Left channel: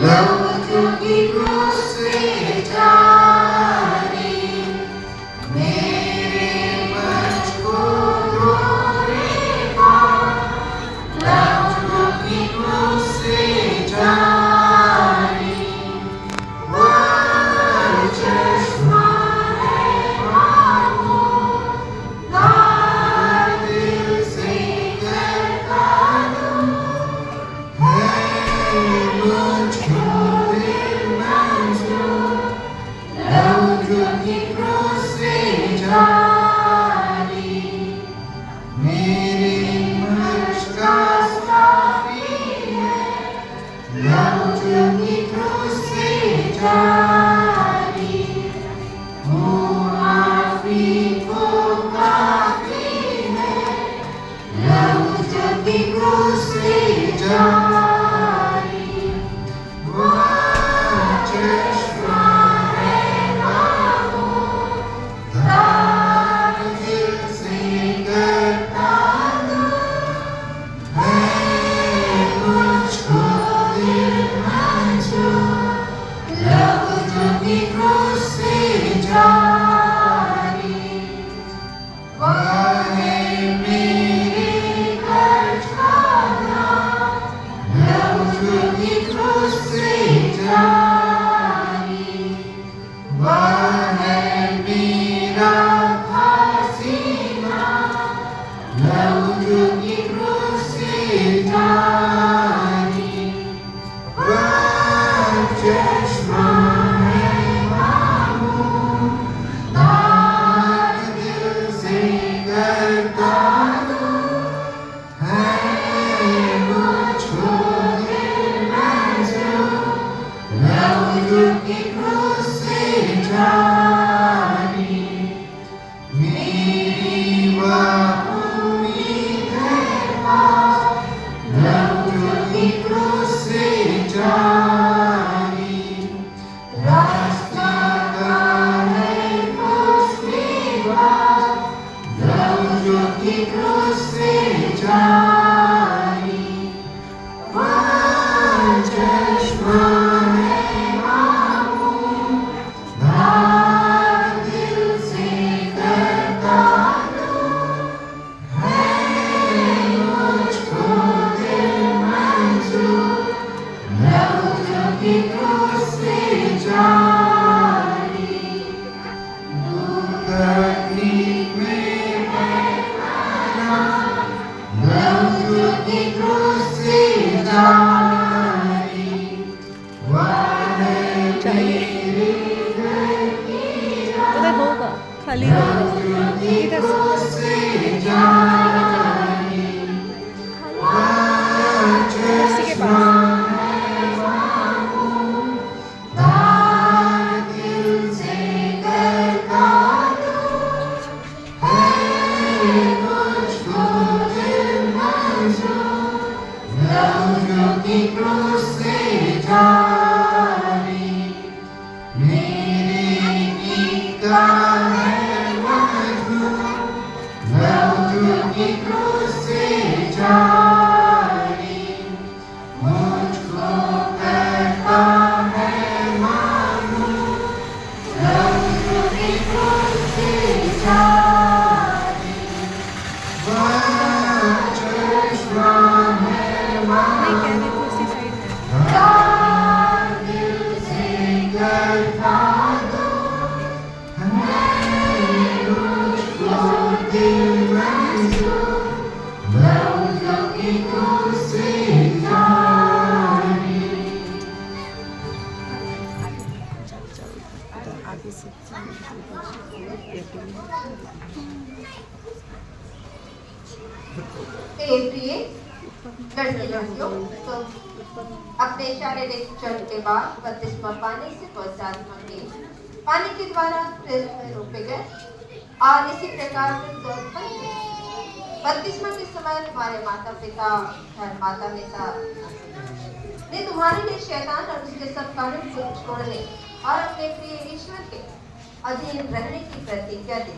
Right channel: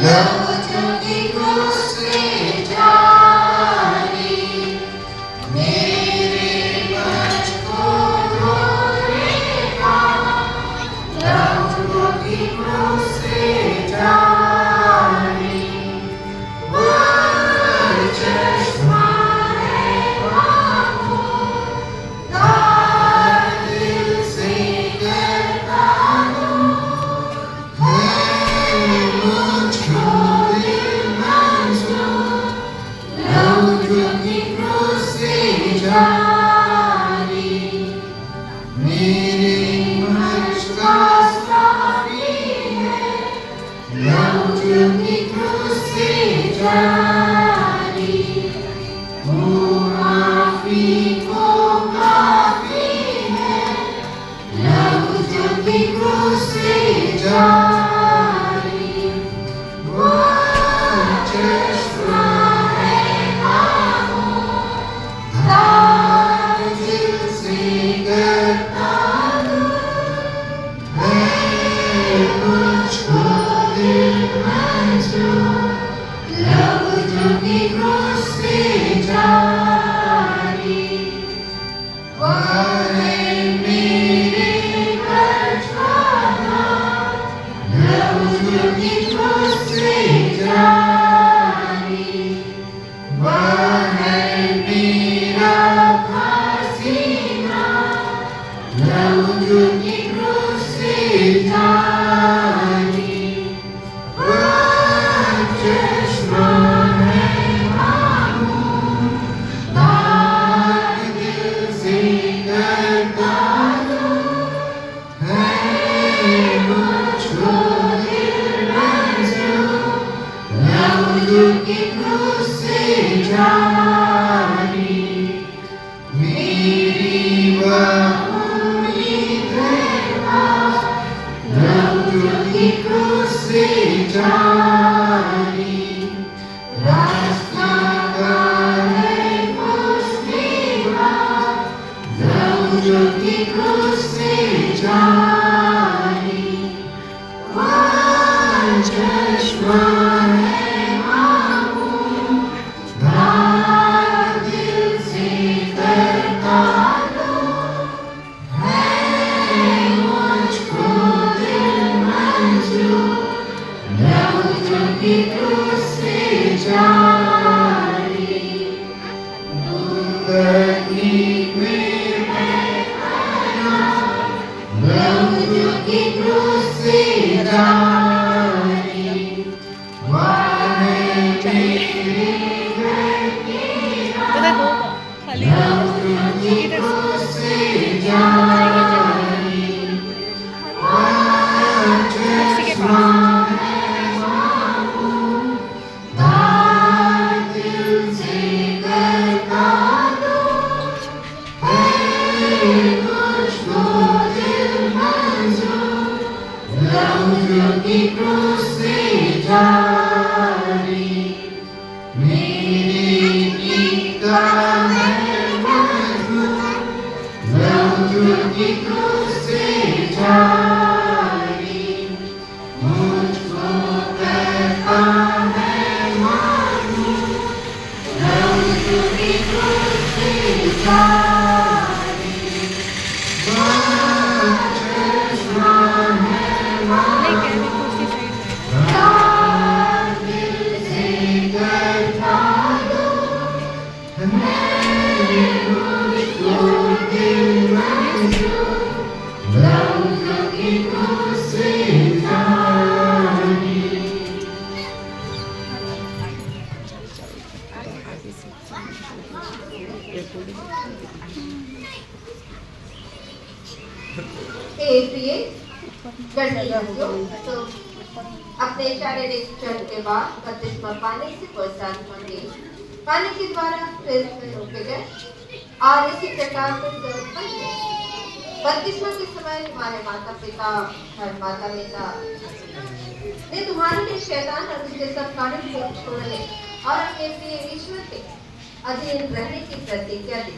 लहू जो की क्रूस से जारी, मेरे मुझको धोएगा। लहू जो की क्रूस से जारी, वह चश्मा है मामूल, दार दिल से करता हूँ। मुझको दिल मंजूर, लहू जो की क्रूस से जारी, मेरे मुझ का साफी है। लहू जो की क्रूस से जारी, मुआफी को काफी है। लहू जो की क्रूस से जारी, वह चश्मा है मामूल, दार दिल से करता हूँ। मुझको दिल मंजूर, लहू जो की क्रूस से जारी, वह है मेरे बचाना। लहू जो की क्रूस से जारी, वह है मेरा खासीना। लहू जो की क्रूस से जारी, वह चश्मा है मामूल, दार दिल से करता हूँ। मुझको दिल मंजूर, लहू जो की क्रूस से जारी, मेरी वह उम्मीद है पास। लहू जो की क्रूस से जारी, रास्ता का है पुष्टिवाद। लहू जो की क्रूस से जारी, वह चश्मा है मामूल, दार दिल से करता हूँ। मुझको दिल मंजूर, लहू जो की क्रूस से जारी, तकलीफ में है खाना। लहू जो की क्रूस से जारी, वह है मेरे घर की इधर होगा खाली लहू जो की क्रूस से जारी, वह चश्मा है मामूल, दार दिल से करता हूँ। मुझको दिल मंजूर, लहू जो की क्रूस से जारी, मेरे गीता है मजबूर। लहू जो की क्रूस से जारी, मुझको करता है मालूम। लहू जो की क्रूस से जारी, वह चश्मा है नहीं कह रही मामूल, कुर्सी साइड है। दार दिल से करता हूँ। मुझको दिल मंजूर, लहू जो की क्रूस से जारी। प्रिय गणतंत्रियों, तो अपने शारीरिक चरण के बाद बपतिस्मा पाने से प्रोत्साहित होंगे। पानी के द्वारा फिर रोके गए और इसी प्रकार से बपतिस्मा के समय तुम्हारे माता पिता और माता पिता ने तुम्हारे लिए शैतान और उसके सब कानून को छोड़ने और अपने प्रिय ईश्वर के अधीन रहने की प्रतिज्ञा दी,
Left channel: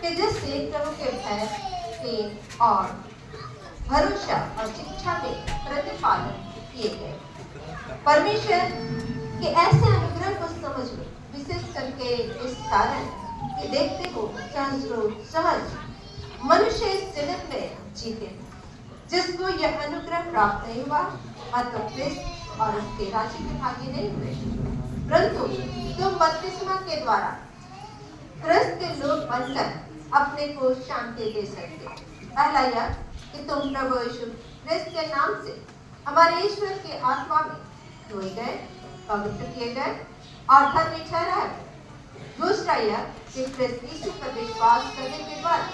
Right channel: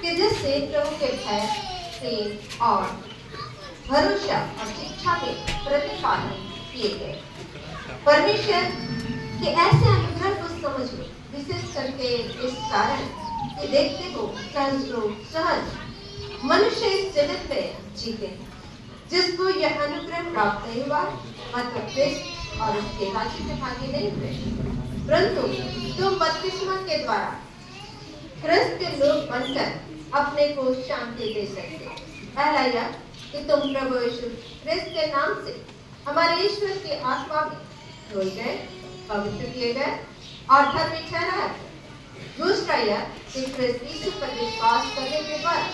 कि जिससे प्रभु के भय, प्रेम और भरोसा और शिक्षा में प्रतिपालन किए गए। परमेश्वर के ऐसे अनुग्रह को समझ लो, विशेष करके इस कारण कि देखते हो सहज मनुष्य इस जगत में जीते हैं जिसको यह अनुग्रह प्राप्त नहीं हुआ, मतलब क्रिस्त और उसके राज्य में भागी नहीं हुए, परंतु तुम बपतिस्मा के द्वारा क्रिस्त के लोग बनकर अपने को शांति दे सकते हो। पहला यह कि तुम प्रभु यीशु क्रिस्त के नाम से हमारे ईश्वर के आत्मा में धोए गए, पवित्र किए गए और धर्मी ठहराए गए। दूसरा यह कि क्रिस्त यीशु पर विश्वास करने के द्वारा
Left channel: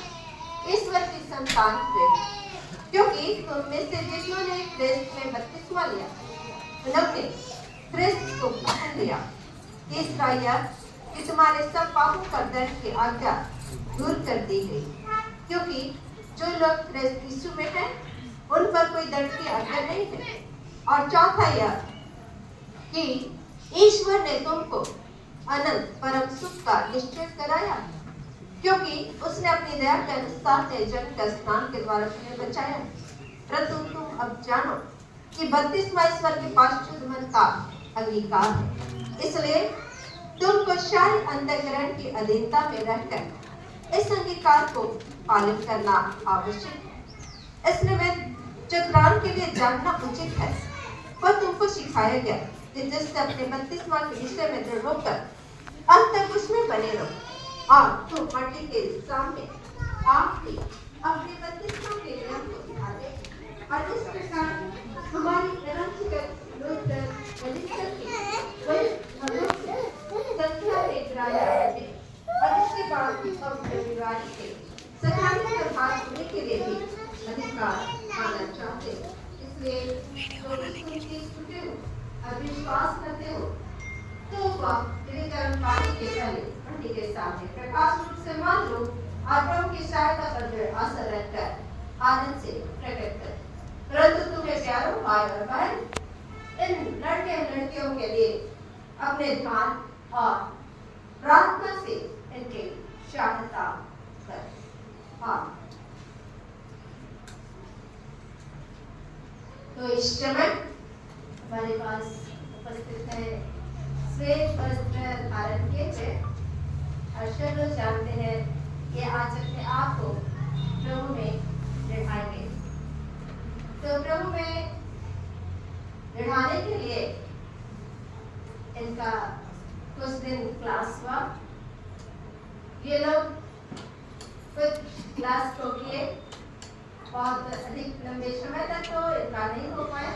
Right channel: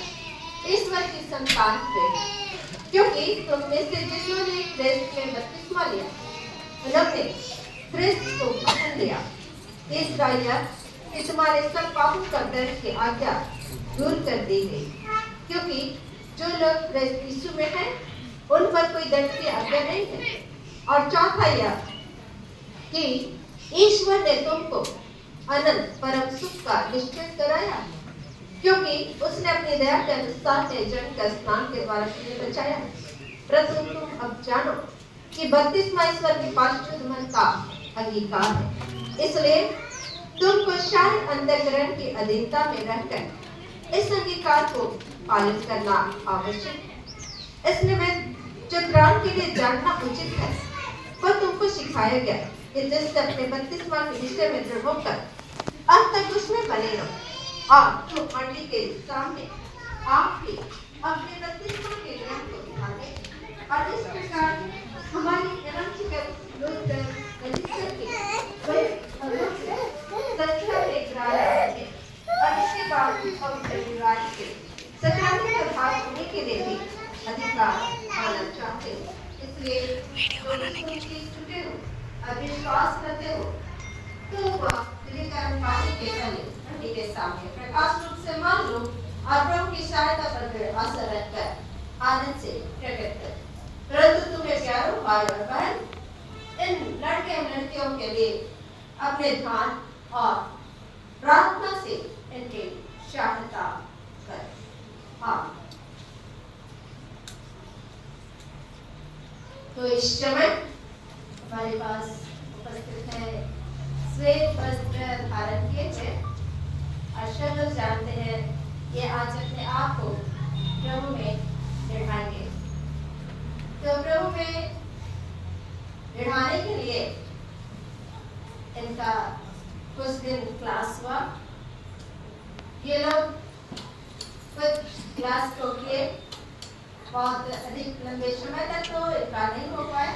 ईश्वर की संतान हुए, क्योंकि तुम में से जिन्होंने क्रिस्त में बपतिस्मा लिया उन्होंने क्रिस्त को पहन लिया। तीसरा यह कि तुम्हारे सब पापों का दंड की आज्ञा दूर कर दी गई, क्योंकि जो लोग क्रिस्त यीशु में हैं उन पर कोई दंड की आज्ञा नहीं है। और चौथा यह कि ईश्वर ने तुमको अनंत परम सुख का निश्चय कराया, क्योंकि उसने अपनी दया के अनुसार जन का स्नान के द्वारा तुम्हें बचाया। परंतु तुम अब जानो कि बपतिस्मा ईश्वर की पाशुद्ध मन का अंगीकार है, इसलिए तुमको शारीरिक अंतःकरण की अधीनता में रहकर इस अंगीकार को पालन करना आवश्यक है। इसलिए मैं चतुराम के लिए जानना उचित है, पर तुमको सिखाया गया कि जिससे अपने बपतिस्मा के विषय में दृढ़ होकर अब तक उसमें बने रहो। और तुम मट्टी के सामने आप भी अपने बपतिस्मा के नियम को दिखा दे और इस प्रकार हमारी और इसके बाद सत्याग्रह भाग होने के लिए भी अधिकार पाना चाहते हो। इसलिए वीडियो बनाने के लिए छूटे हो और विश्वास करते हो तो वह पानी के तले मट्टी के सामने प्रकाश रूप से मान लो और प्रभु की सहायता पर आशा रखकर आनंद से प्रकट कर। परंतु तुम्हें प्यारो भाई और बहन, इन लड़के और लड़कियों के लिए अपने ध्यान और प्रार्थना से इनकी सहायता कर। तो इस समय हमारे पास उपस्थित है श्वेत वस्त्र धारण किए थे और सब लोग जानते हैं ये आज अपने आप को प्रभु में बढ़ाएंगे। तो प्रभु में बढ़ाने के लिए इनका कुछ दिन क्लास हुआ। ये लोग कुछ क्लास को किए, बहुत अधिक लंबे समय तक तो इनका नहीं हो पाए,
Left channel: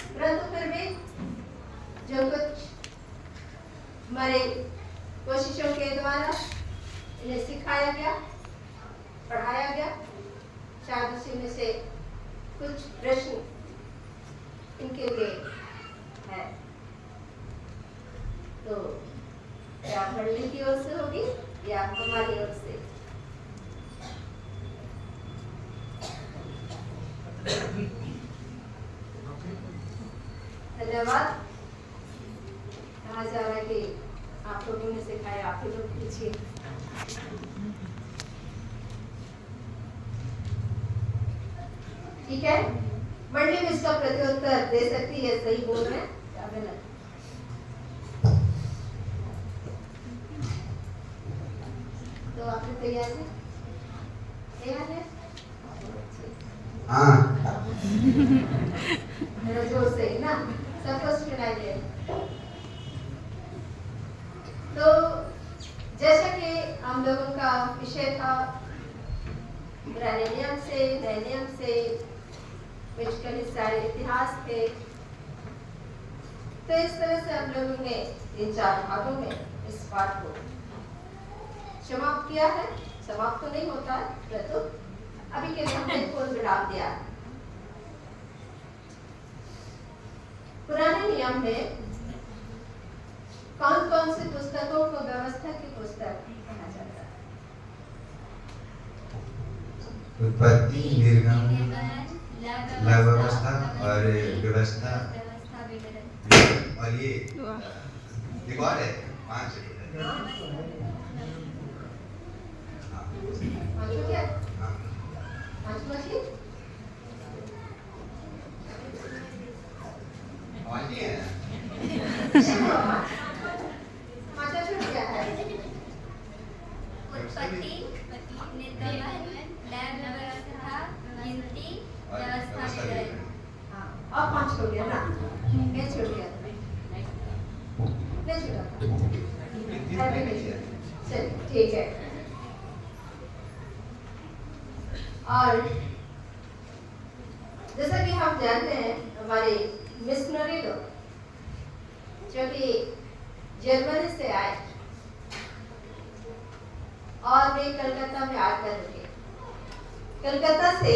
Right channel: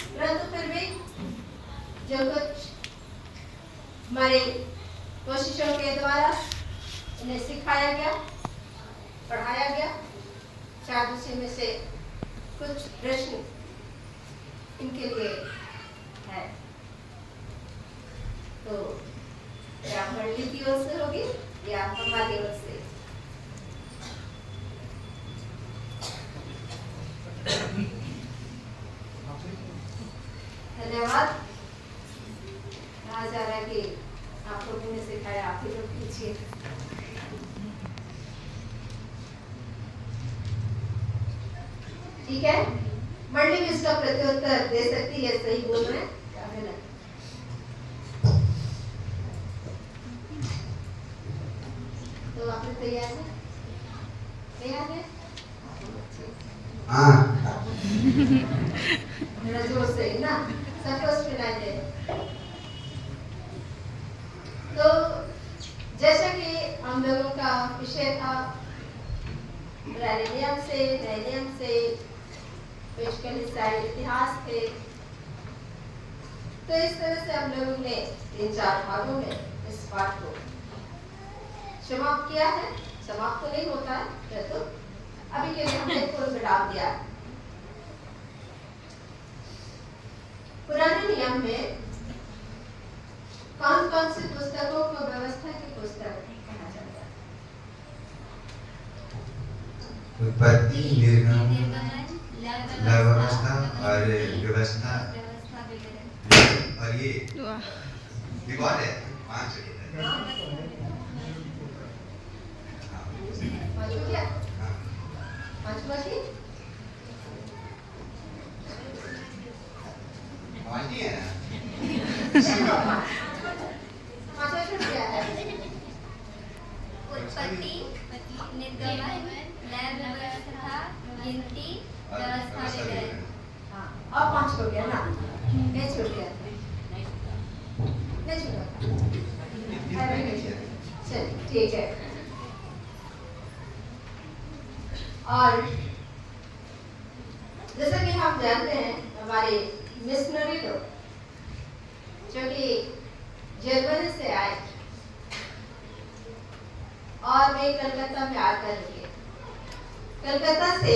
परंतु फिर भी जो कुछ हमारे कोशिशों के द्वारा इन्हें सिखाया गया, पढ़ाया गया, शायद उसी में से कुछ प्रश्न इनके लिए है। तो या मंडली की ओर से होगी या हमारी ओर से। धन्यवाद। कहा जा रहा है कि आप लोगों ने सिखाया, आप ही लोग पूछिए। ठीक है, मंडली में इसका प्रत्युत्तर दे सकती है, सही बोल रहे हैं या गलत? तो आपने तैयार है? तैयार है? हाँ। मेरा जोर से ना, सबको सुनाई दे। तो जैसा कि हम लोगों का विषय था पुराने नियम से नए नियम से, पेशकल इस्राएल इतिहास थे, तो इस तरह से हम लोगों ने 3-4 भागों में इस पाठ को समाप्त किया है। समाप्त तो नहीं होता है, परंतु अभी के लिए हमने पूर्ण विराम दिया। पुराने नियम में कौन कौन सी पुस्तकों को व्यवस्था की पुस्तक कहा जाता है? उत्पत्ति, निर्गमन, व्यवस्था और व्यवस्था और ये कौन है? 5 क्या? 5 हमारे समाज नहीं है। समाचार में क्या है? उत्पत्ति, निर्गमन, लय व्यवस्था, गिनती, व्यवस्था विवरण। हाँ, अब 5 हो गया ना? ये छूट गया था। नहीं छूटा था। चल, ठीक है। और जैसा कि हम जानते हैं, हमारे मिशनरी लोग जो कि जर्मनी से आए और वे कलकत्ता में आकर रुके। कलकत्ता से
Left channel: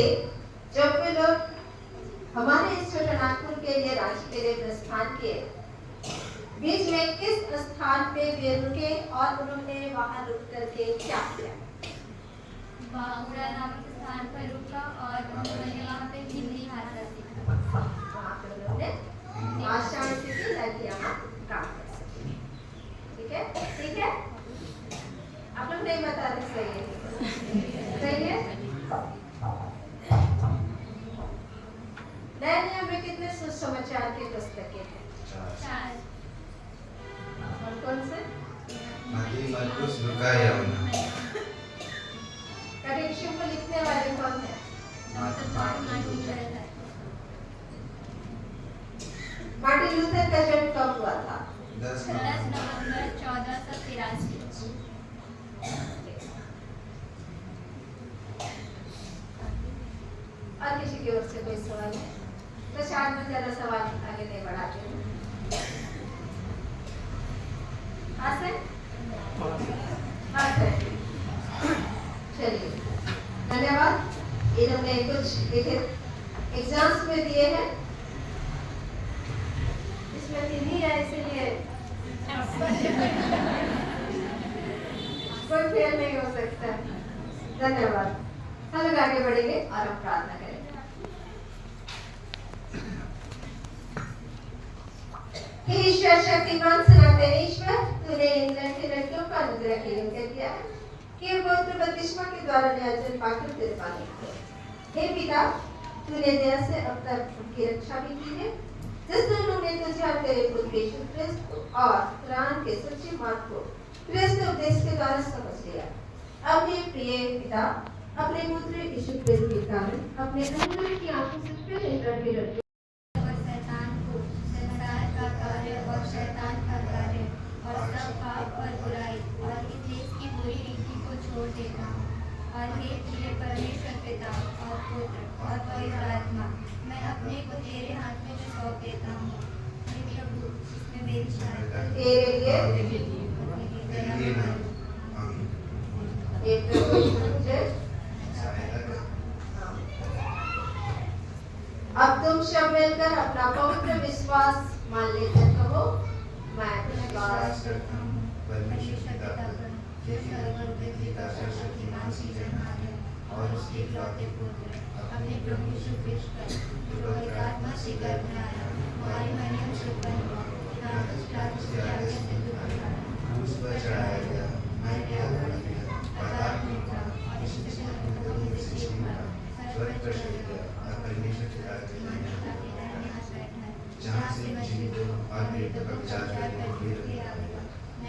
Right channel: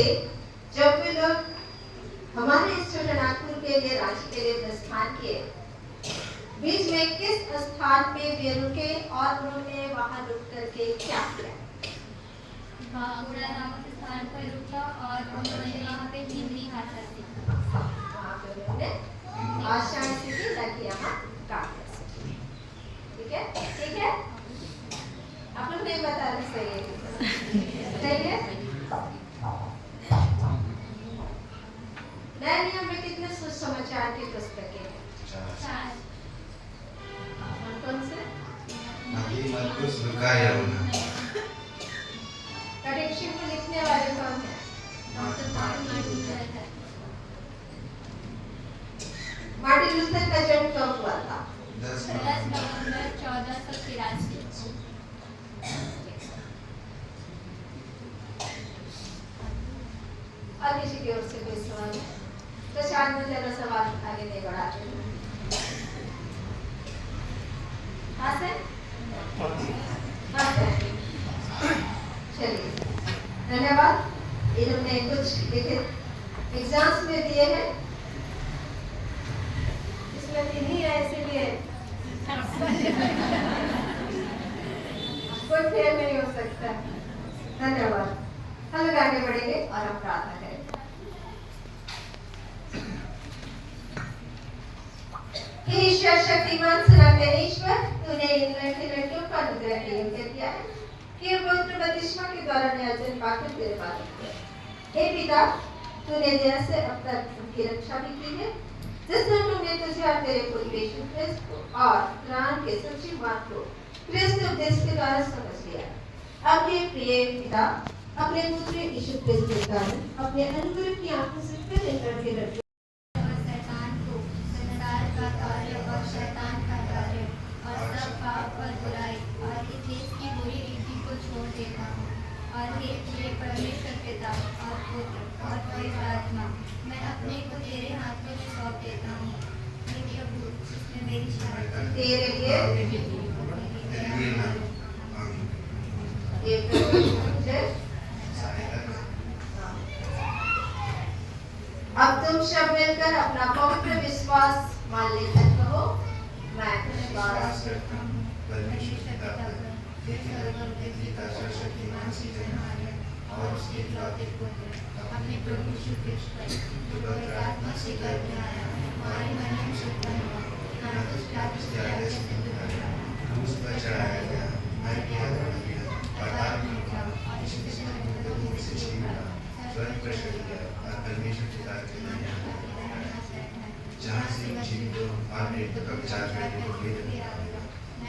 जब वे लोग हमारे इस छोटे नागपुर के लिए, रांची के लिए प्रस्थान किए, बीच में किस स्थान पे वे रुके और उन्होंने वहां रुक करके क्या किया? बाहुरा नामक स्थान पर रुका और उन्होंने वहाँ पे हिंदी भाषा सीखा। वहां पे उन्होंने भाषाएं सीखी ताकि यहाँ काम कर सके। ठीक है? ठीक है? आप लोग नहीं बता रहे, सही है? सही है? नए नियम में कितने सुसमाचार की पुस्तकें हैं? 4। और कौन से? मत्ती, मरकुस, लूका, यूहन्ना। कैटेकिज्म को लिखने वाले कौन हैं? डॉक्टर मार्टिन लूथर है। मार्टिन लूथर का जन्म कब हुआ था? 10 10 नवंबर 1483। और किसी की ओर से कोई सवाल है? तो शायद मैं ज्यादा सवाल आगे नहीं बढ़ाती हूँ। हाँ सर? हाँ सर। चलिए, धन्यवाद। ये हमने कुछ लिखित एग्जाम्स में दिए हैं, इसमें हिंदी है, इसीलिए कोई फेल नहीं हो सकता। धन्यवाद। हम लोग आगे बढ़ेंगे और हम प्रार्थना करेंगे। हे ईश्वर, शक्तिमान सनातन ईश्वर, तूने इन लड़कियों को अनुग्रह के योग्य किया है कि ये पवित्र बपतिस्मा के द्वारा न्यायजन पाकर तेरे पास किया। हे पिता, तूने दया से अब तक उनकी रक्षा भी की है, जिस दिन उन्होंने तुझे और तेरे पुत्र यीशु ख्रिस्त को और कुरान के सच्चे मार्ग को ख्रिस्त उपदेश के द्वारा समझ लिया। अब हे प्रिय पिता, अपने पुत्र यीशु ख्रिस्त के कारण अपने अनुग्रह की आंखों से फिर इन लड़के और शैतान को, संसार का कार्य और शैतान का कार्य और सब पाप और बुराई और इस देश की बुरी रीति को छोड़ देता हूँ। और हे प्रिय परमेश्वर पिता और पुत्र और पवित्र आत्मा, मैं अपने को तेरे हाथों में सौंप देता हूँ। हे प्रभु, इसमें मेरी सहायता तेरे लिए मेरी दया लिए ना। करो। आमीन। एक मुझे अब तुम सब मिलकर अपना पवित्र विश्वास मान लेकर कहो, मैं विश्वास करता हूँ परमेश्वर पिता पर, जो सर्वव्यापी का सर्वशक्तिमान सृजनहार है, और उसके इकलौते पुत्र अपने प्रभु यीशु ख्रिस्त पर, जो पवित्र आत्मा से गर्भ में आया, हमारे मरियम से उत्पन्न हुआ, पिलातुस की आज्ञा से दुर्भागा, क्रूस पर चढ़ाया गया, मर गया, बढ़ गया, पाताल में उतरा, और इस जिससे मृतकों में से जी उठा, स्वर्ग पर चढ़ गया और परमेश्वर पिता के दाहिने हाथ पर बैठा है, जहाँ से जीवितों और मृतकों का विचार करने के लिए आएगा।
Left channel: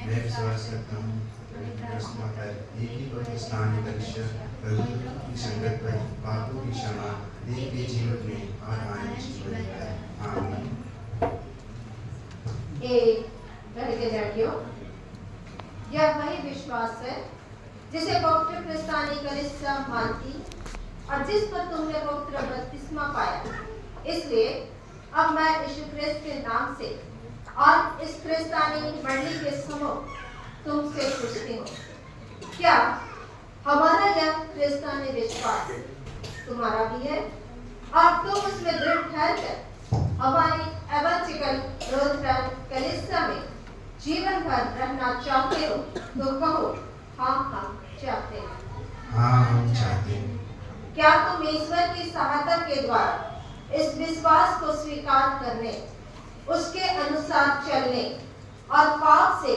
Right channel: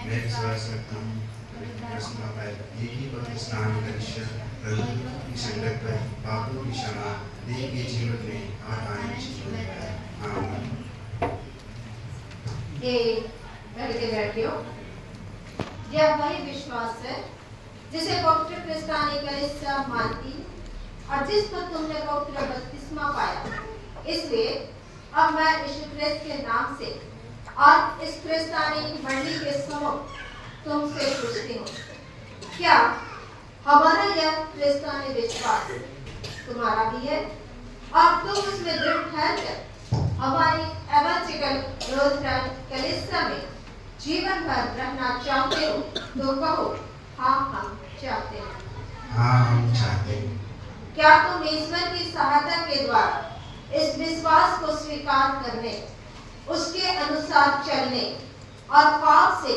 मैं विश्वास करता हूँ पवित्र आत्मा पर, एक ही पवित्र स्नान करिष्य, प्रभु की संगत पर, पापों की क्षमा, देह के जीवन में और आनंद जीवन पर। आमीन। ये लड़के लड़कियों, यह वही विश्वास है जिसे पवित्र क्रिस्तानी कलीसिया मानती और जिस पर तुमने पवित्र बपतिस्मा पाया। इसलिए अब मैं यीशु ख्रिस्त के नाम से और इस क्रिस्तानी मंडली के सम्मुख तुमसे पूछती हूँ, क्या हमारा यह क्रिस्तानी विश्वास तुम्हारा भी है और तुम उसमें दृढ़ ठहर कर हमारी एवंजिकल रोजगार कलीसिया में जीवन भर रहना चाहते हो? तो कहो, हाँ हम चाहते हैं। हाँ, हम चाहते हैं। क्या तुम ईश्वर की सहायता के द्वारा इस विश्वास को स्वीकार करने, उसके अनुसार चलने और पाप से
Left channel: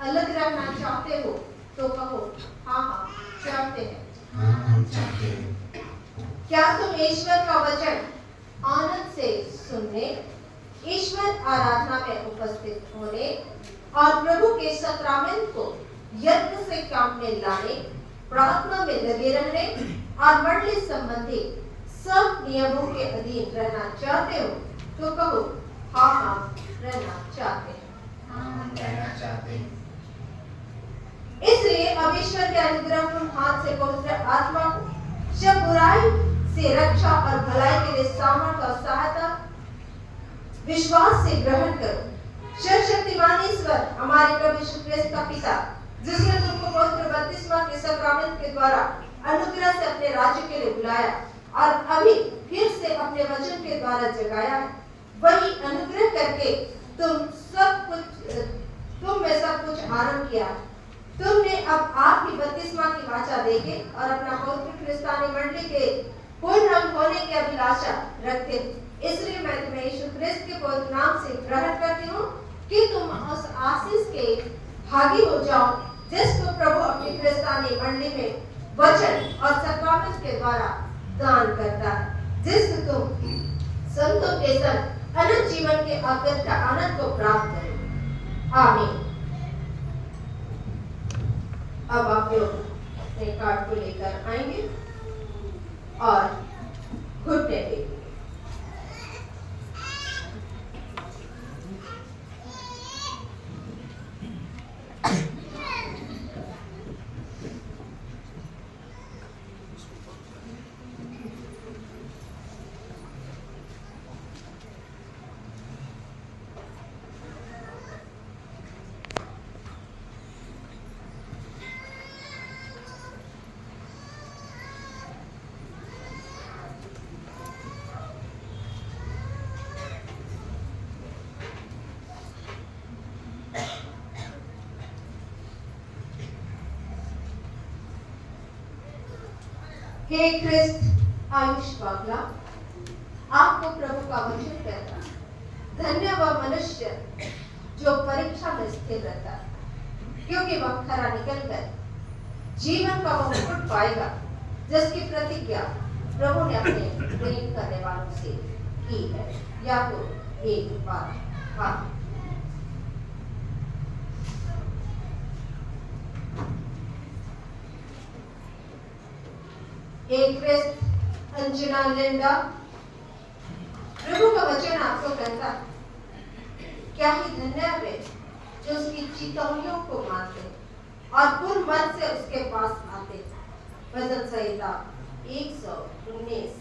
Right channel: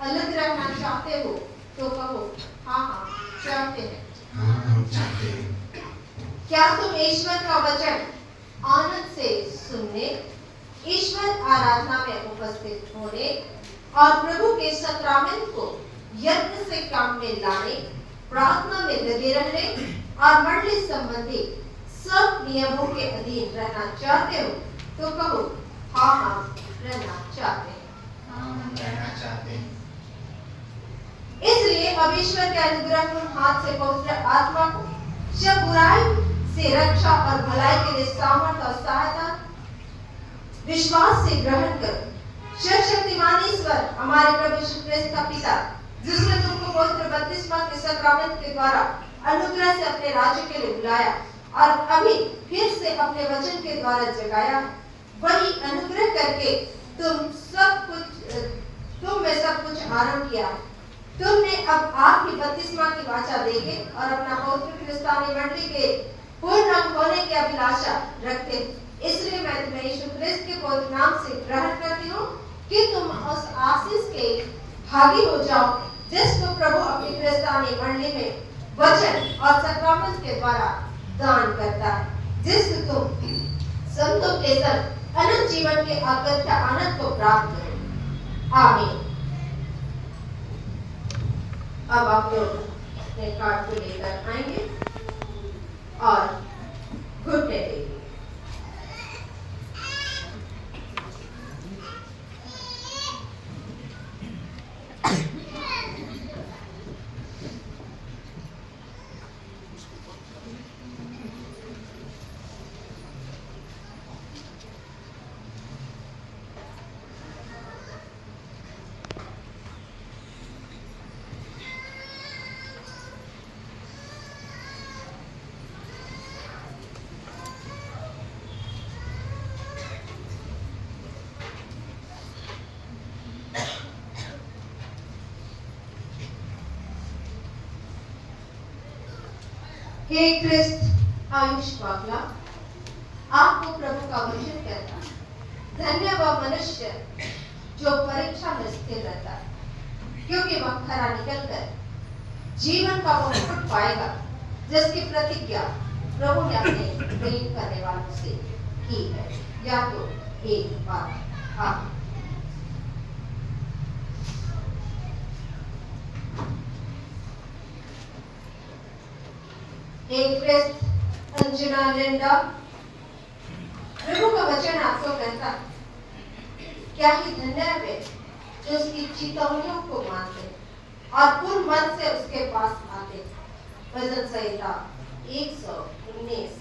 अलग रहना चाहते हो? तो कहो, हाँ हम चाहते हैं। हाँ, हम चाहते हैं। क्या तुम ईश्वर का वचन आनंद से सुनने, ईश्वर आराधना में उपस्थित होने और प्रभु के सत्रामेंट को यत्न से काम में लाने, प्रार्थना में लगे रहने और मंडली संबंधी सब नियमों के अधीन रहना चाहते हो तो कहो हाँ हम रहना चाहते हैं। हम रहना चाहते हैं। इसलिए अब ईश्वर के अनुग्रहपूर्ण हाथ से पवित्र आत्मा को सब बुराई से रक्षा और भलाई के लिए सामर्थ और सहायता विश्वास से ग्रहण करो। सर्वशक्तिमान ईश्वर हमारे प्रभु यीशु ख्रिस्त का पिता, जिसने तुमको पवित्र बपतिस्मा के सक्रामेंट के द्वारा अनुग्रह से अपने राज्य के लिए बुलाया और अभी फिर से अपने वचन के द्वारा जगाया, वही अनुग्रह करके तुम में सब कुछ आरंभ किया। तुमने अब आपकी बपतिस्मा की वाचा देके और अपना पवित्र क्रिस्तानी मंडली के पूर्ण होने की अभिलाषा रखते। इसलिए मैं तुम्हें यीशु ख्रिस्त के पवित्र नाम से ग्रहण करती हूँ कि तुम उस आशीष के भागी हो जाओ जिसको प्रभु अपनी क्रिस्तानी मंडली में वचन और सक्रामेंट के द्वारा दान करता है, जिससे तुम संतों के संग अनंत जीवन के अगत्य आनंद को प्राप्त करो। आमीन। अब आप लोग अपने कार्ड को लेकर आएंगे और घुटने देंगे। हे ख्रिस्त आयुष वागला, आपको प्रभु का वचन कहता, धन्य वह मनुष्य जो परीक्षा में स्थिर रहता है, क्योंकि वह खरा निकलकर जीवन का वो मुकुट पाएगा जिसकी प्रतिज्ञा प्रभु ने अपने प्रेम करने वालों से की है। या तो एक बार हाँ। एक ख्रिस्त अंजना लिंडा, प्रभु का वचन आपको कहता, क्या ही धन्य है वे जो उसकी चेतावनियों को मानते और पूर्ण मन से उसके पास आते। भजन संहिता 119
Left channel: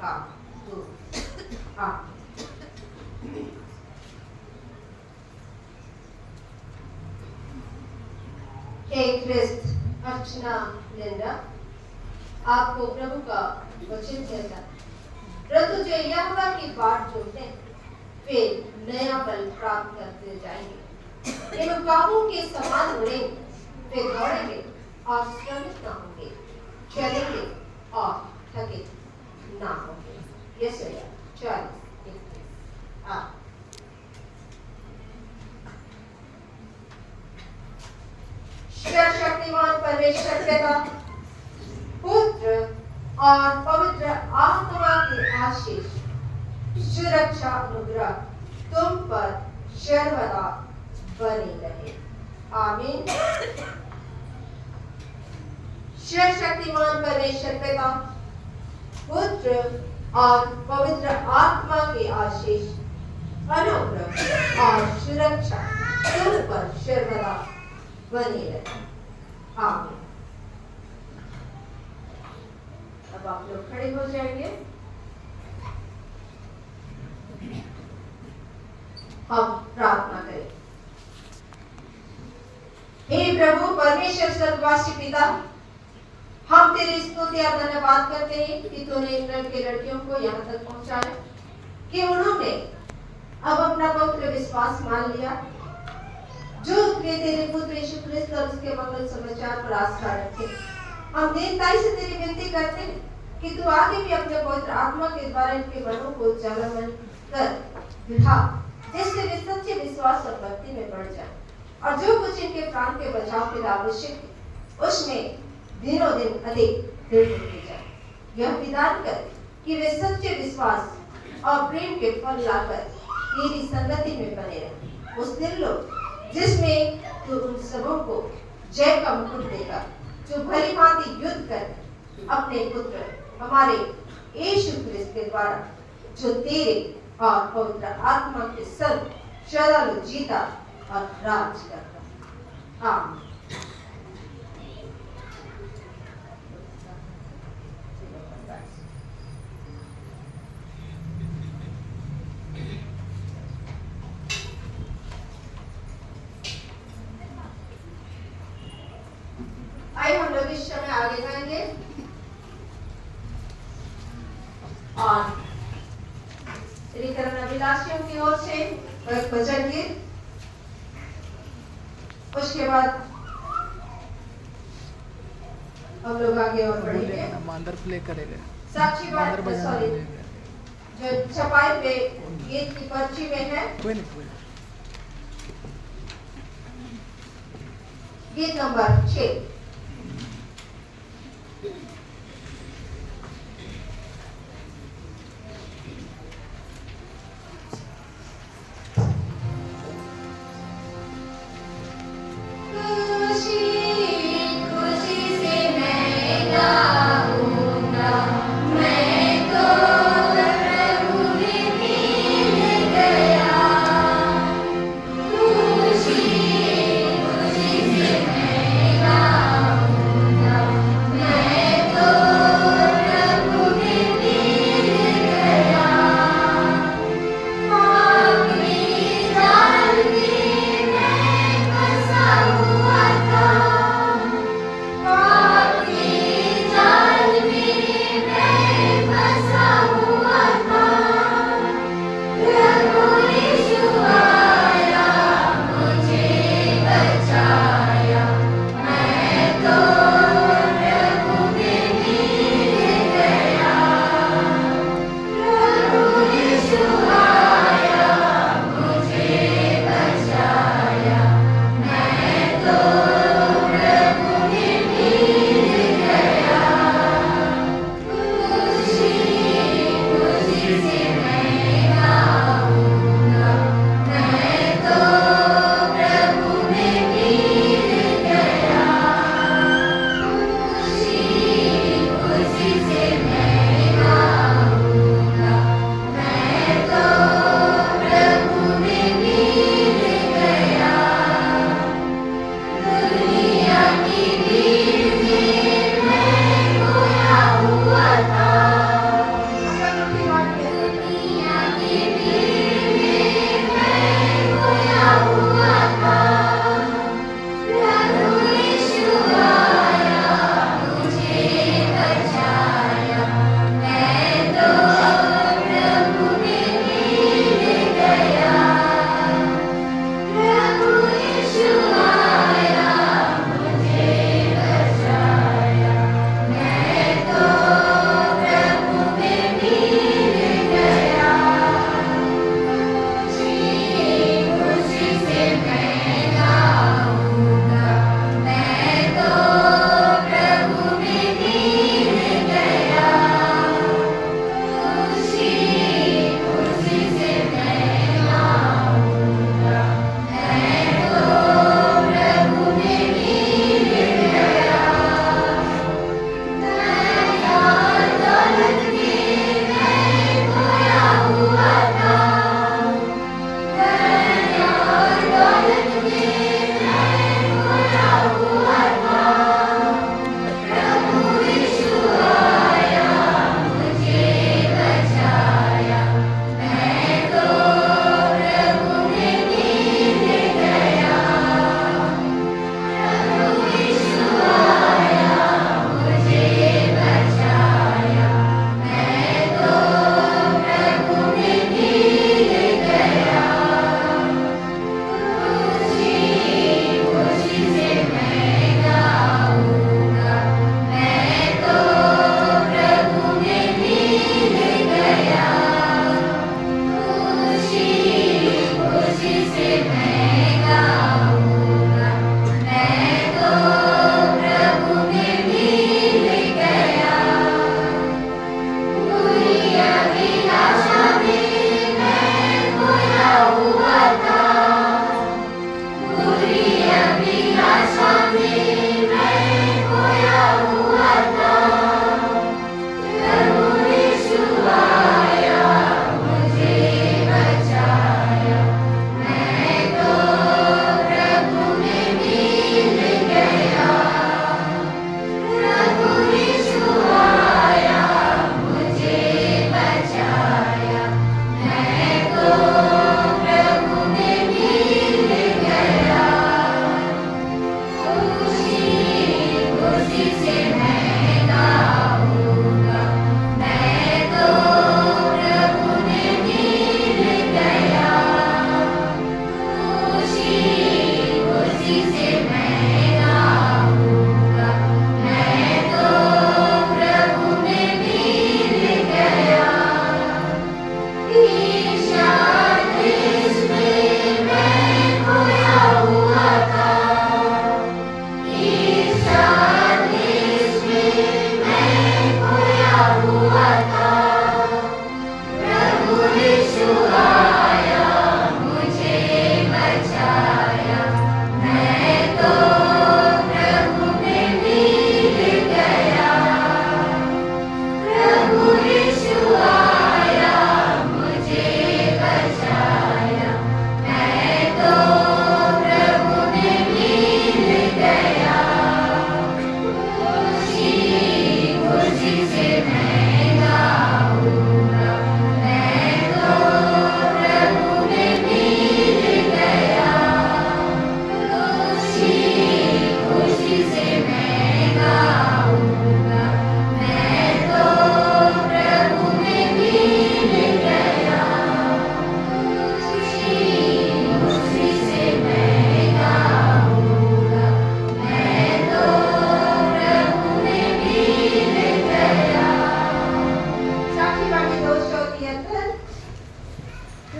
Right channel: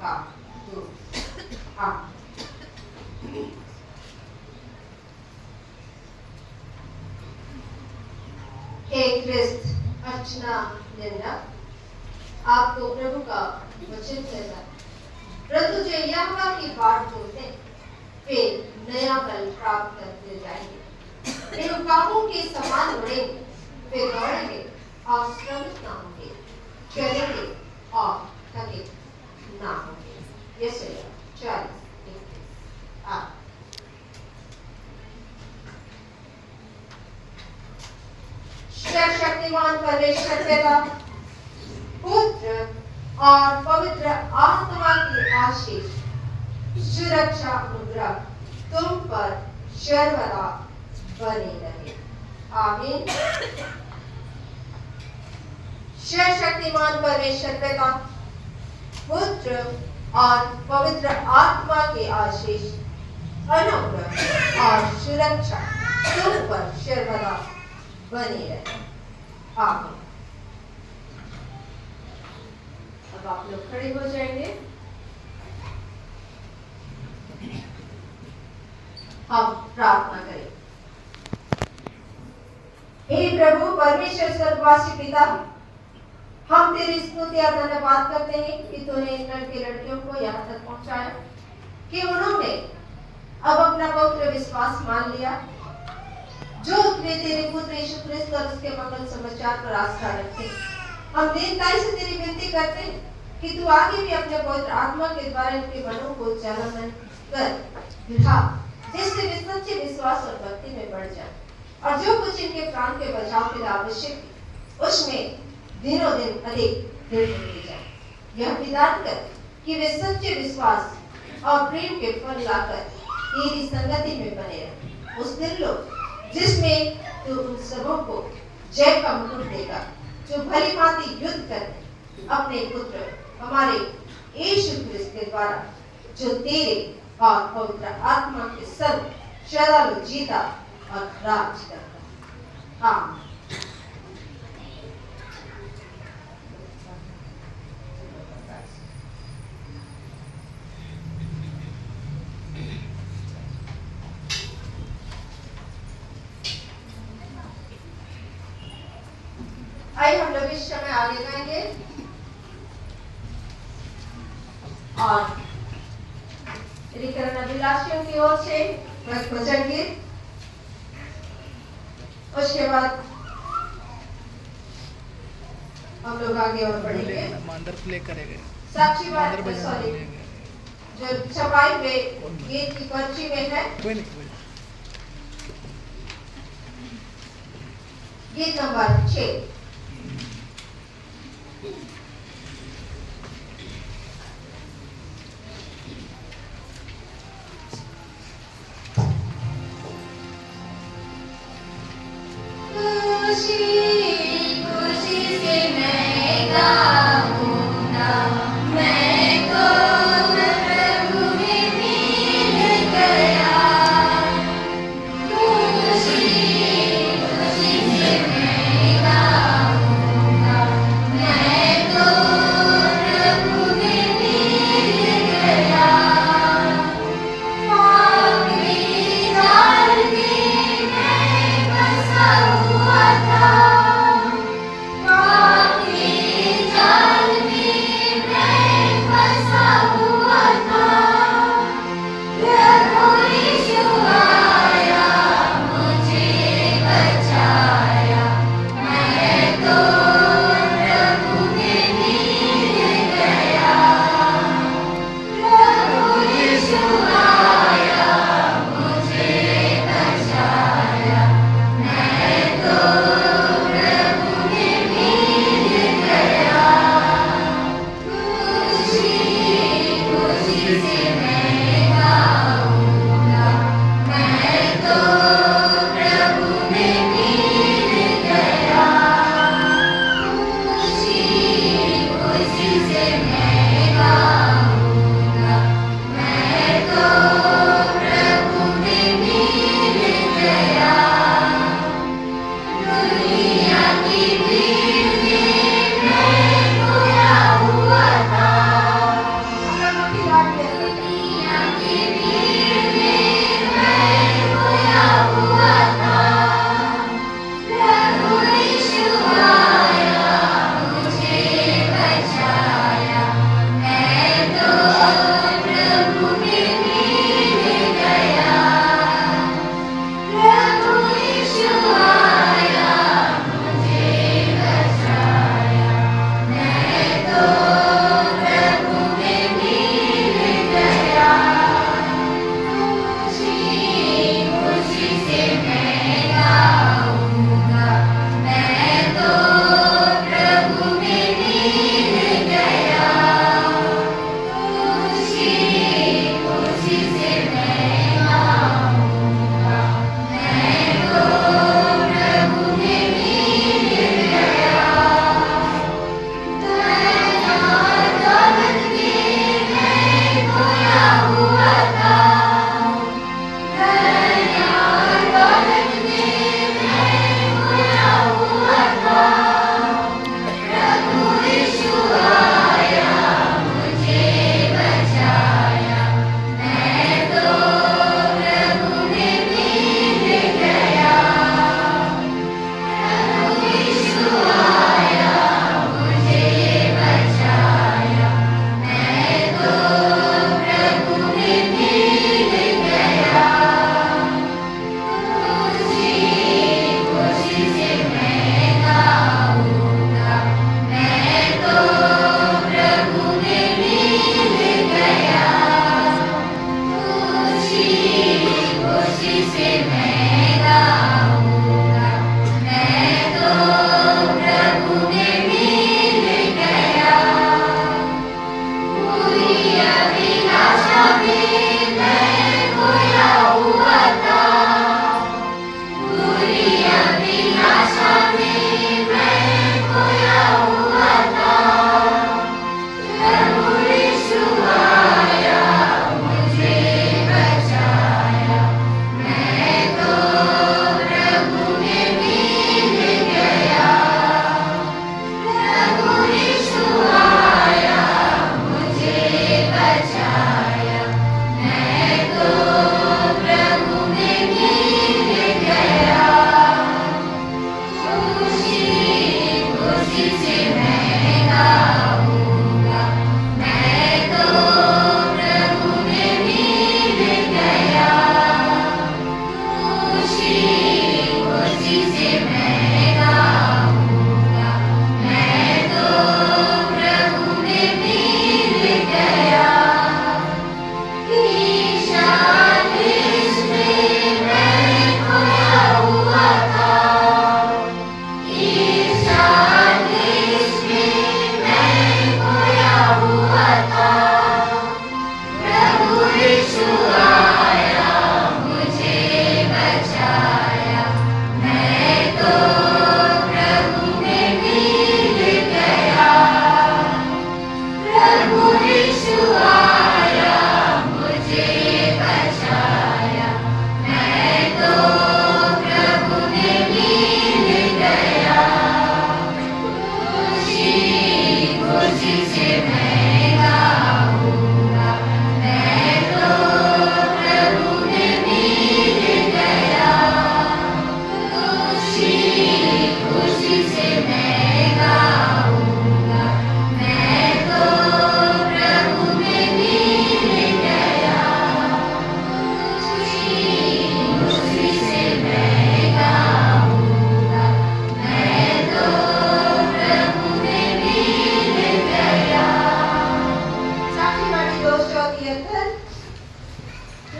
का 2 एक ख्रिस्त अर्चना लिंडा, आपको प्रभु का वचन कहता, परंतु जो यहोवा की बाट जोते वे नया बल प्राप्त करते जाएंगे, वे कामों के समान उड़ेंगे, वे दौड़ेंगे और श्रमित ना होंगे, चलेंगे और थके ना होंगे। यशायाह 40:21। सर्वशक्तिमान परमेश्वर पिता, पुत्र और पवित्र आत्मा की आशीष, सुरक्षा, अनुग्रह तुम पर सर्वदा बने रहे। आमीन। सर्वशक्तिमान परमेश्वर पिता, पुत्र और पवित्र आत्मा की आशीष, अनुग्रह और सुरक्षा तुम पर सर्वदा बने रहे। आमीन। अब आप लोग खड़े हो जाएंगे। हम प्रार्थना करें। हे प्रभु परमेश्वर स्वर्गवासी पिता, हम तेरी स्तुति और धन्यवाद करते हैं कि तूने इन लड़के लड़कियों को यहाँ तक पहुंचाया, कि उन्होंने अब अपना पवित्र विश्वास मान लिया, जो तेरे पुत्र यीशु ख्रिस्त और उसके मंगल समाचार पर आस्था रखे। हम दीनताई से तेरी विनती करते हैं कि तू आगे भी अपने पवित्र आत्मा के द्वारा इनके मनों को जागरण कर दिखा, जिससे वे सच्चे विश्वास और भक्ति में बढ़ जाए और जो कुछ इनके प्राण के बचाव के लिए आवश्यक उसमें दिनों दिन अधिक दृढ़ होते जाए। यह विधान कर कि वे सच्चे विश्वास और प्रेम के फल लाकर तेरी संगति में बने रहे। उस दिन लो जिसमें तू उन सबों को जय का मुकुट देगा जो भली भांति युद्ध कर अपने पुत्र हमारे यीशु क्रिस्त के द्वारा जो तेरे और पवित्र आत्मा के संग सदा जीता और राज करता। आमीन। आइए हम लोग इस समय आगे जाएंगे और रिकरण अभिलाषियों की ओर से एक भजन गीत, उसके बाद हम लोग आगे और बढ़ेंगे। मांदर प्ले करेंगे, साक्षी बात मांदर बजाना सॉरी करेंगे। जो छपाई में गीत की पर्ची में है, कोई नहीं। गीत नंबर 6। खुशी खुशी से मैं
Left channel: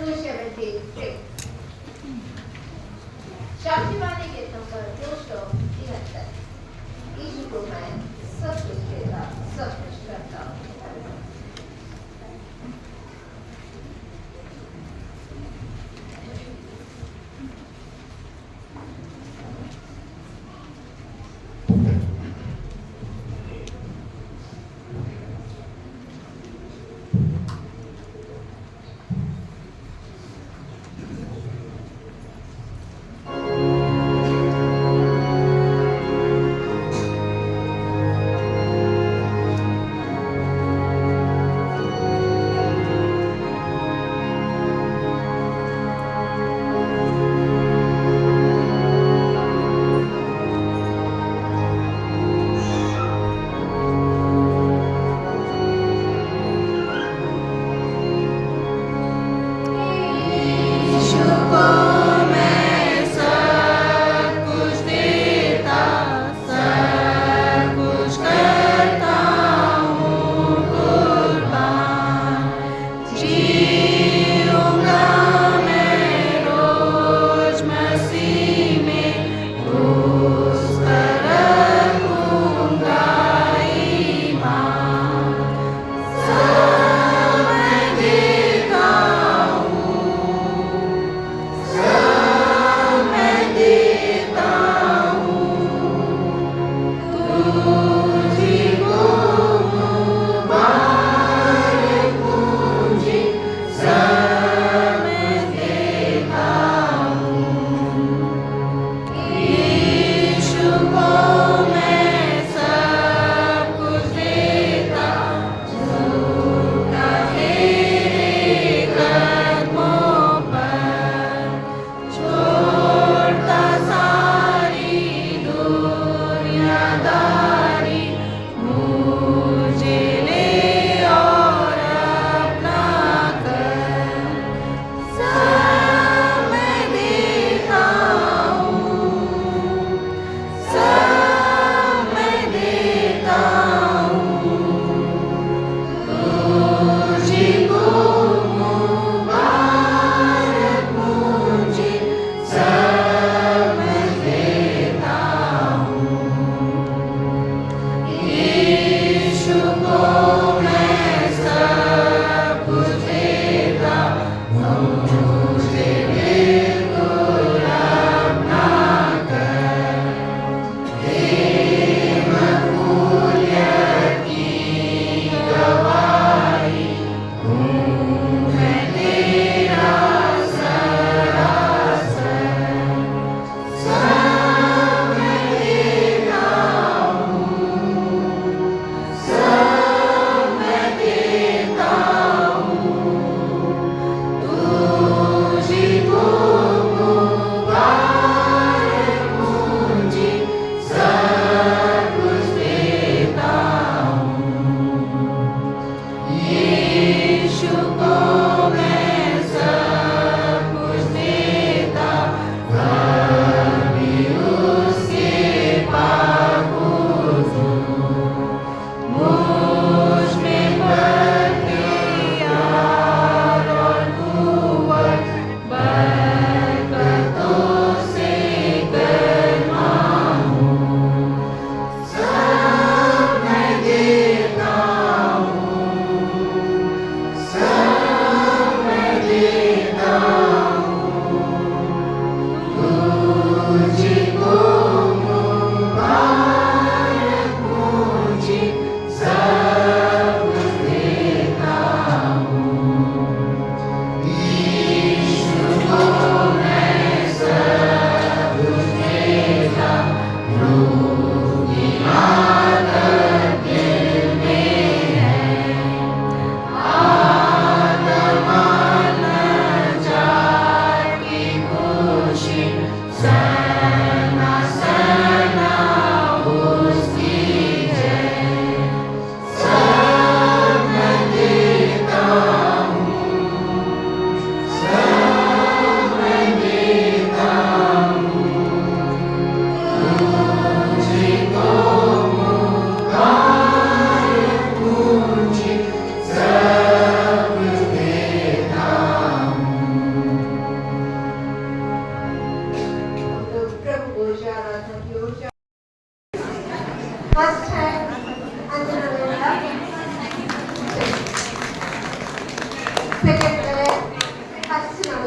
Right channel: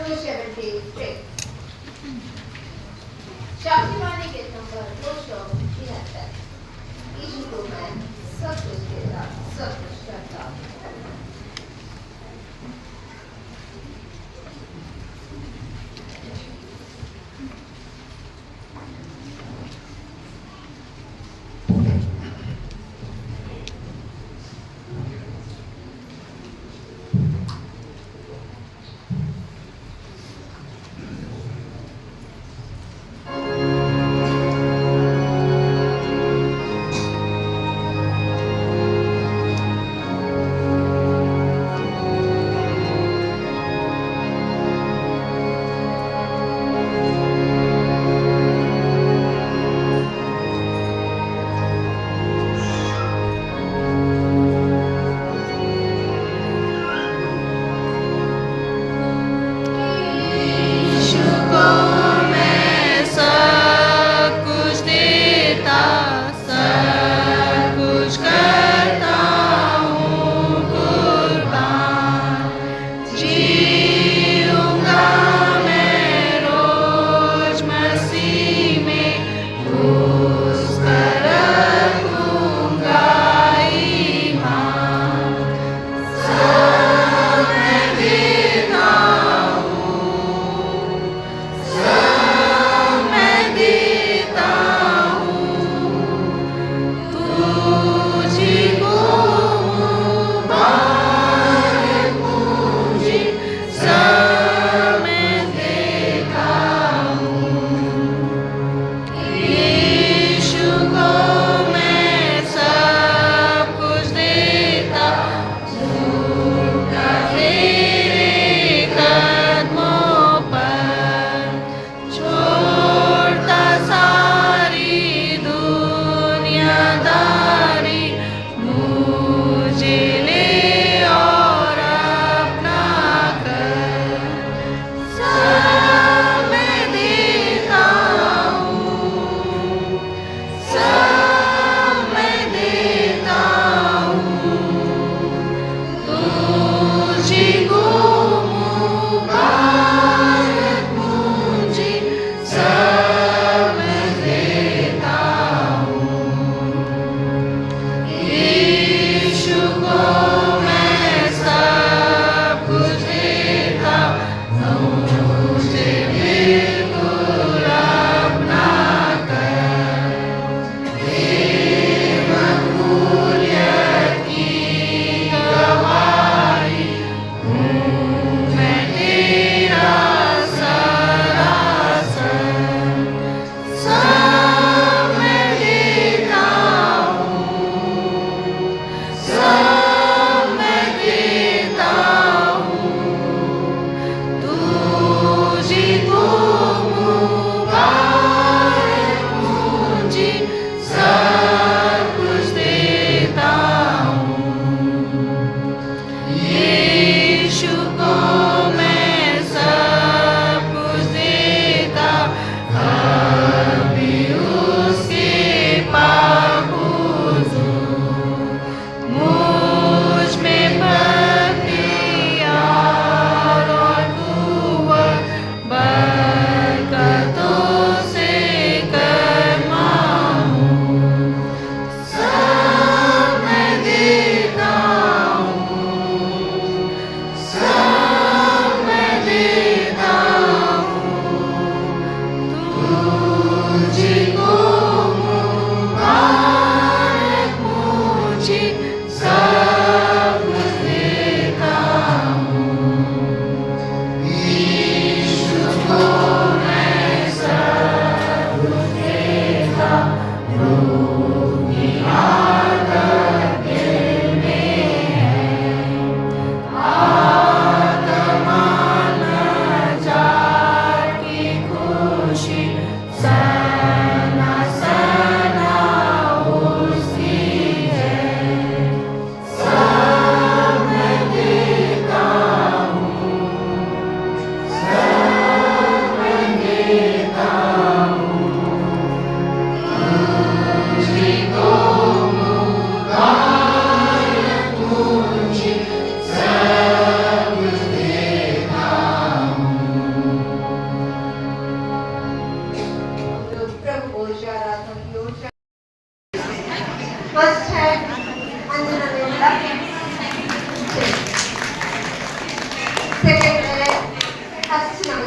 273. शास्त्रीवाणी गीत नंबर 273. यीशु को मैं सब कुछ देता, सब कुछ करता।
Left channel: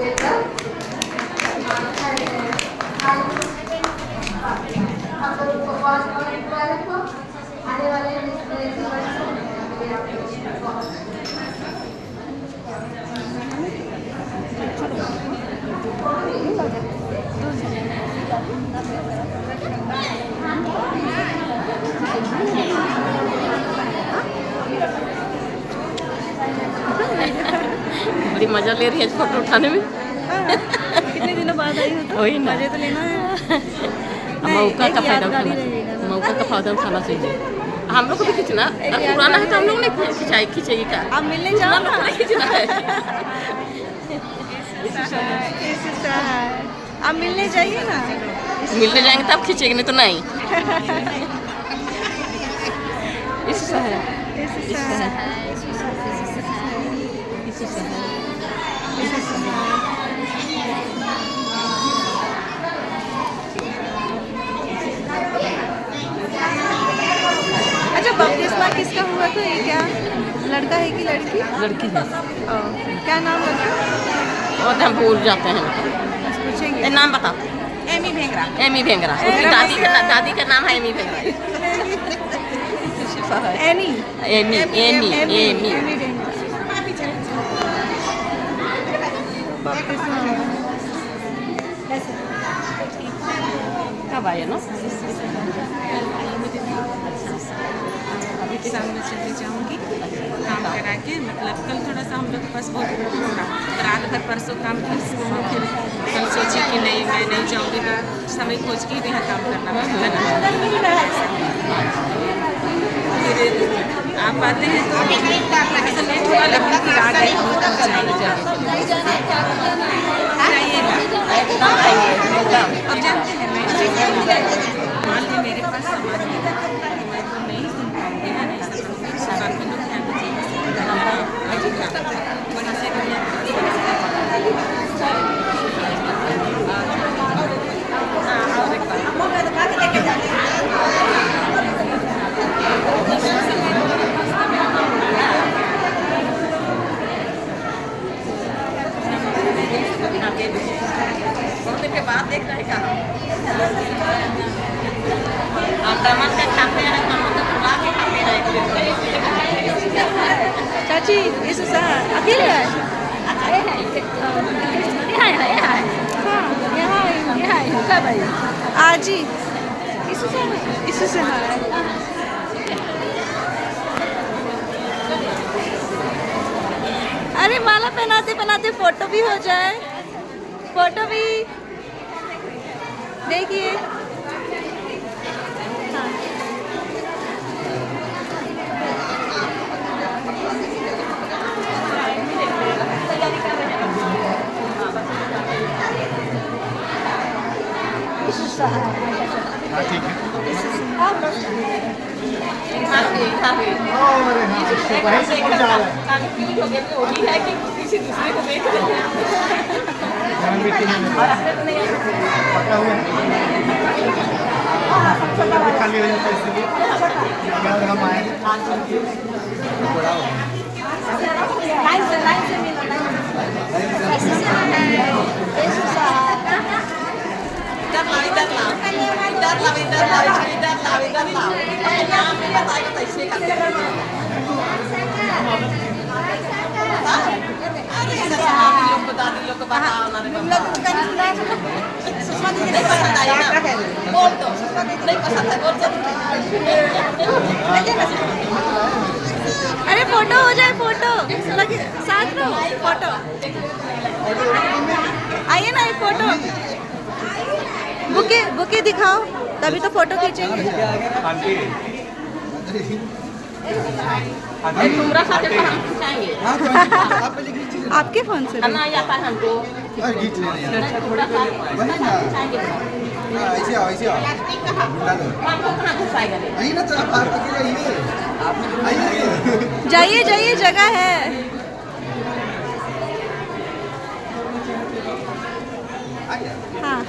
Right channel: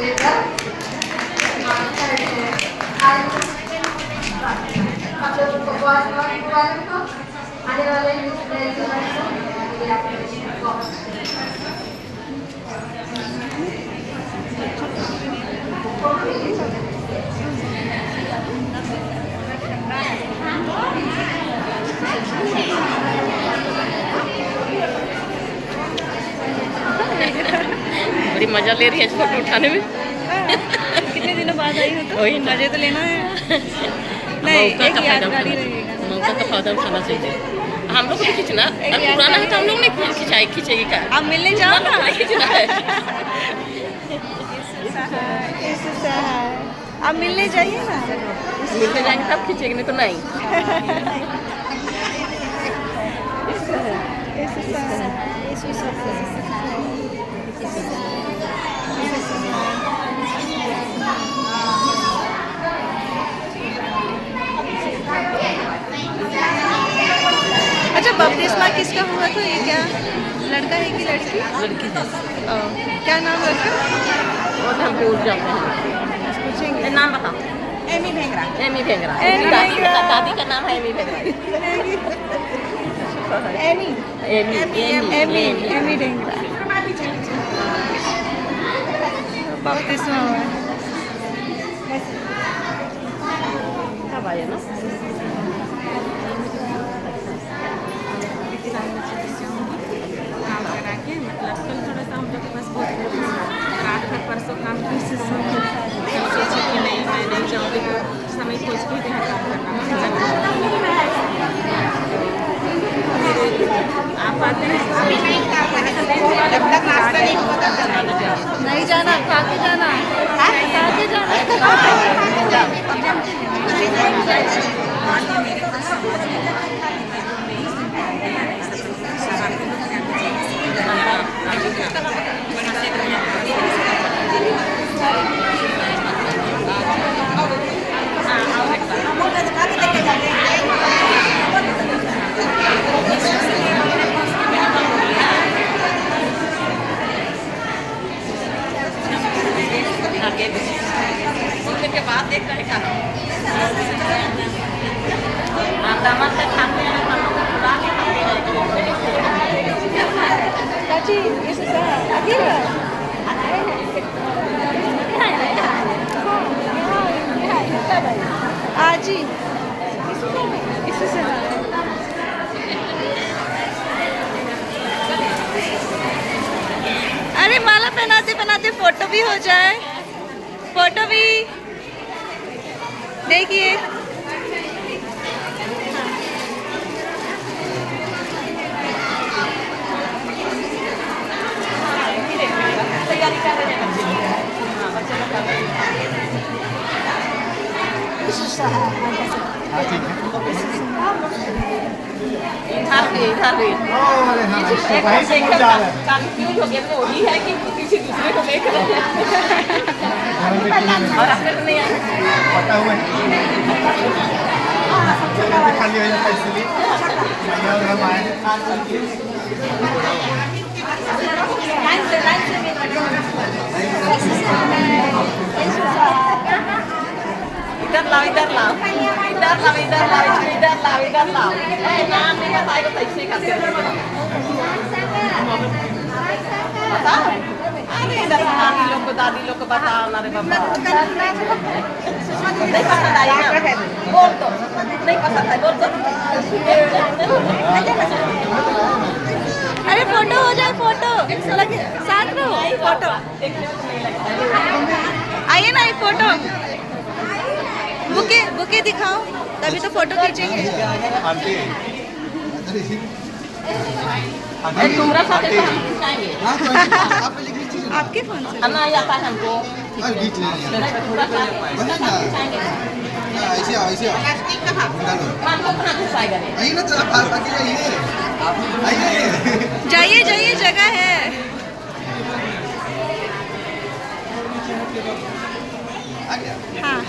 देवता हम लोग उनको बहुत वेलकम को आने वाले बड़ी मजा ले रही है फोटो उठाने में। कितने दिनों बाद आई हो तो वही ना। मजे तो लेना है। नहीं, एक यादगारी रहेगा ना। मौका का फायदा उठाना चाहिए। हम लोग को भी खींचना अब पुराना है तो हम लोग नहीं खींचेगी क्या? आप मिलने जाओ ना। खींचना है। आप मिलने जाइए ना। मिलने जाएंगे तब खींचेंगे, नहीं तो नहीं। अच्छा, बपतिस्मा किसका हुआ था? ये क्या लड़का है कि लड़की? लड़की है। क्या नाम रखा? वो तो हम भूल जाते हैं। पूछेंगे। नाम बताओ। Amy Bhengra. Amy Bhengra. Amy Bhengra. दादी का नाम है Amy Bhengra. Amy Amy Amy Bhengra. बपतिस्मा हुआ है। कब आया ना? मतलब कल थोड़ा सा हम लोग के पास बहुत रात भर परसों काम था, कल सोची कि नहीं मैं नहीं जाऊँगी तो समय खोज के ही यहाँ काम करना। आप आते हैं नहीं जाना, काफी जाना। मेरे पास के बाद देख रहे क्या दामन का खाते हैं, दामन का खुला के खाते हैं। चाची, this is अकेला है। आज ही इसी से अरे माला पहनाते पहनाते फोटो भी हो जाए। फोटो भी देखिए। तैयारी कर रहे हैं। ठीक है। है कि किसी दूसरे को नहीं करेंगे और अपने तो नहीं आएगा। पता हुआ है खाली इसलिए हम आए। दादी लोग को बता नहीं पसंद आएगा बोल तो नहीं पसंद है बोल। अरे फोटो हो जाए, फोटो लगे साथ रहो। फोटो आइए ना, एक फोटो बुके दिखाओ तभी तो फोटो खींचेंगे। आपके फोन से आता है हमको खींच ऐसे आओ ऐसे आओ। हमको कहाँ घुसाएगा? आइए ना, तो आगे जाइए। आइए जाइए जाइए, जगह है। आ गया। हाँ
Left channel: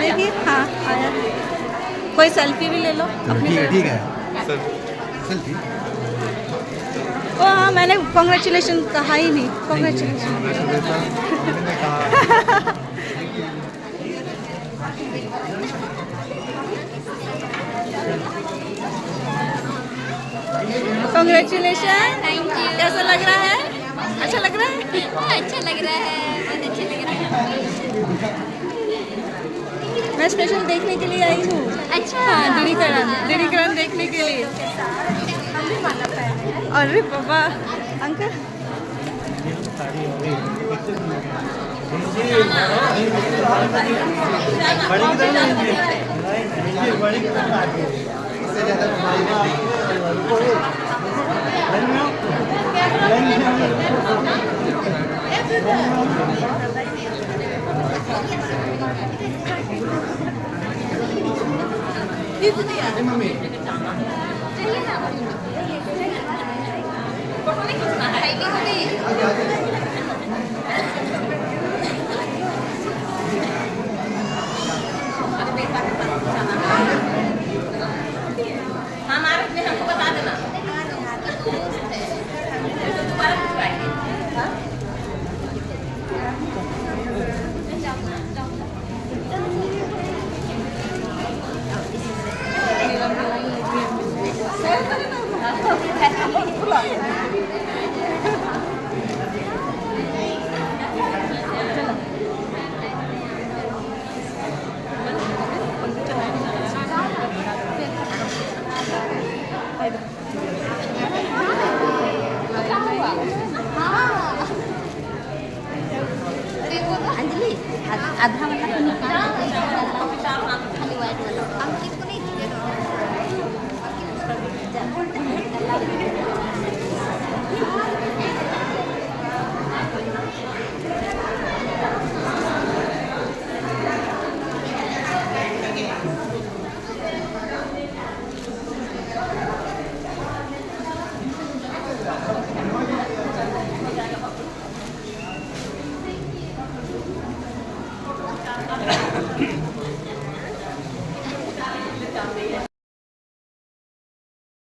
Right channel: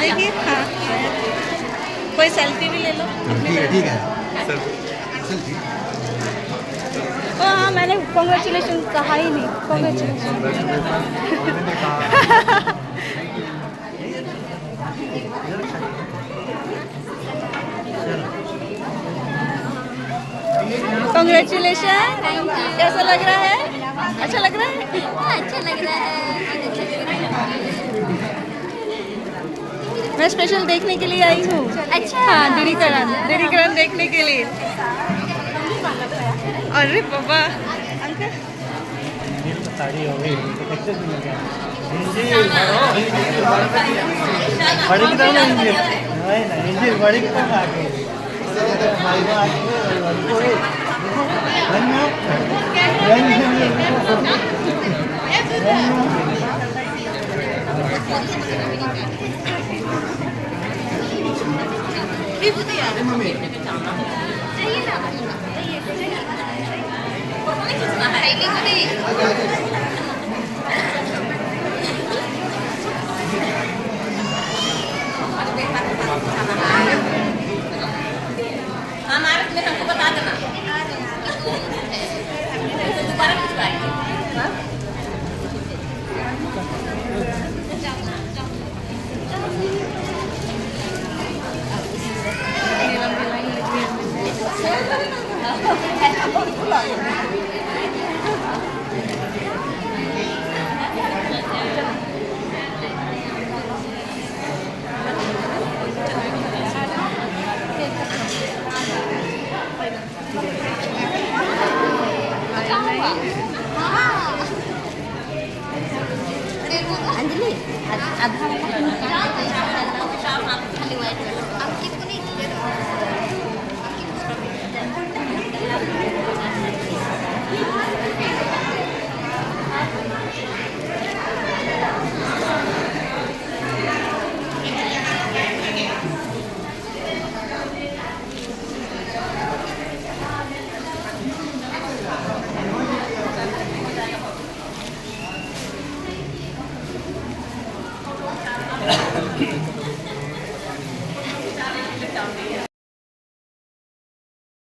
देखिए। हाँ कोई सेल्फी भी ले लो। ठीक है सेल्फी। ओ हाँ, मैंने कॉन्ग्रेचुलेशन कहा ही नहीं। कॉन्ग्रेचुलेशन। कॉन्ग्रेचुलेशन। Thank you. कैसा लग रहा है? अच्छा लग रहा है? अच्छा लग रहा है, बहुत अच्छा लग रहा है। मैं स्पेशल देखने के लिए आई हूँ। अच्छा। हाँ, दीदीकरण देखने के लिए। अरे बाबा, अंकल इससे ज़्यादा हमारी